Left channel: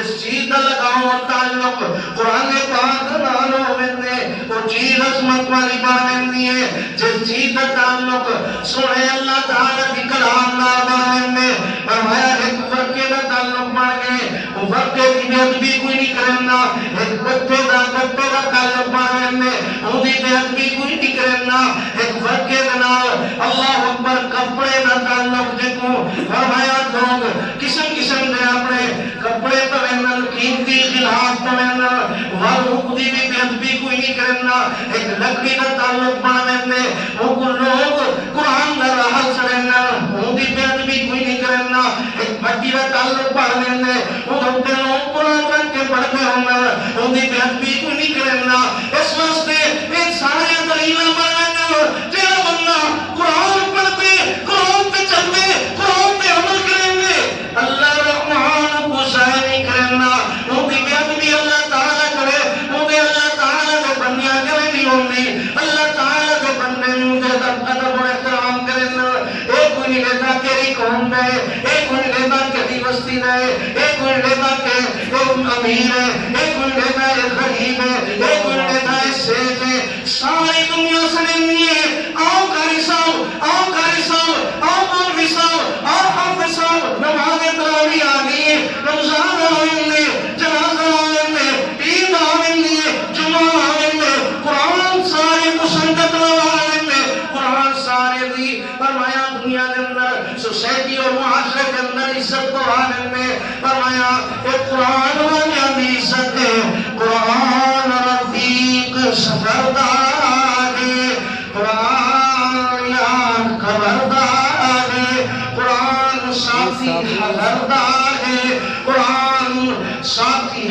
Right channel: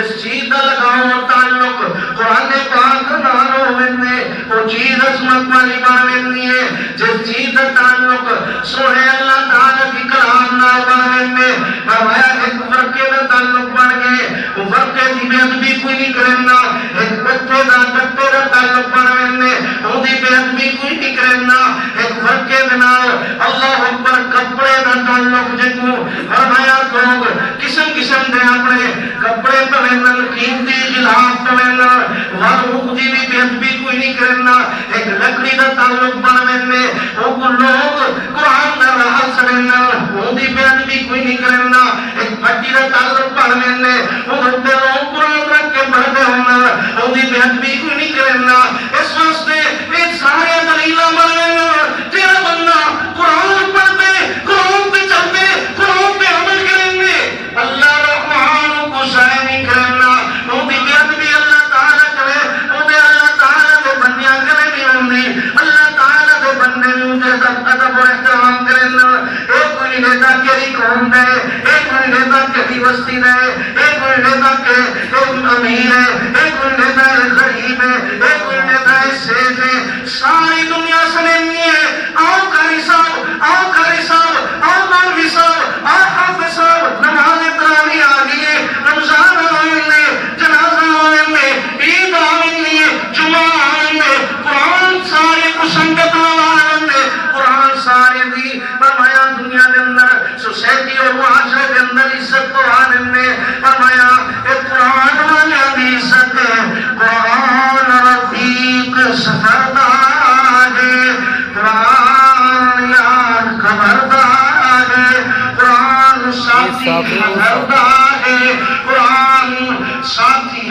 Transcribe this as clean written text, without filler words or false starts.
جس چیز دا لگاؤ تعلق قرآن پاک نال ہووے وہ چیز عظمت والی بننی ہے جس چیز دا تعلق سونے اللہ تعالی دی کلام نال بننے فرمایا ایک فرقے دا تعلق بن گئے وہ فرقے دی بے ادبی کوئی نہیں کرنا ایک بچے دا تعلق بننے وہ دی بے ادبی کوئی نہیں کرنا ایک فرقے دے نال اللہ اکبر کپڑے دا تعلق جنوں فرمایا لوگ قسم قسم دے اپنے کپڑے پہنن قیمتی غلاف پہنن وارو دی بھی بے ادبی کوئی نہیں کرنا ایک لکڑی دا تعلق بننے وہ لوگ قرآن دا راہ چڑھنا وہ دی بے ادبی کوئی نہیں کرنا ایک بچی دا تعلق بننے وہ بندے لوگ قرآن رکھ کے پڑھتے ہونا وہ دی بے ادبی کوئی نہیں کرنا اس واسطے یہ سارے دلیل بننے تیرا بندہ قرآن پڑھتے قرآن پہ چلتے قرآن پہ عمل کریں اللہ رحمان کو ضائع نہیں کرنا وہ دی بے ادبی اللہ تعالیٰ کرے وہ دے اللہ تعالیٰ دے بندیاں کرے نہیں ہوندی اللہ تعالیٰ دے بندے نہیں دے ادب و احترام کرنا ایک کوئی نیتا کیری قوم دے ایک کوئی نیتا کیری بستی دے ایک کوئی نیتا کے امیر ہے ایک کوئی نیتا غریب ہے ایک کوئی نیتا سیج ہے ساری دنیا سنینی ہے آؤ قاری صاحب آؤ قاری صاحب آؤ مولوی صاحب آؤ حافظ صاحب نماز تراویح آ گئی ہے رمضان آنے جنازہ آنے عید آنے جمعہ آنے قرآن سارے کو سنگت آنے قرآن سارے دی فرمایا دنیا کے اندر سوسائٹی اور معاشرے کے اندر عزت کو آنے فرمایا ایک قرآن والا بھی عزت ہے قرآن رفیق سفردار ہے قرآن یار خبردار ہے قرآن ساتھی خبردار ہے قرآن ساتھی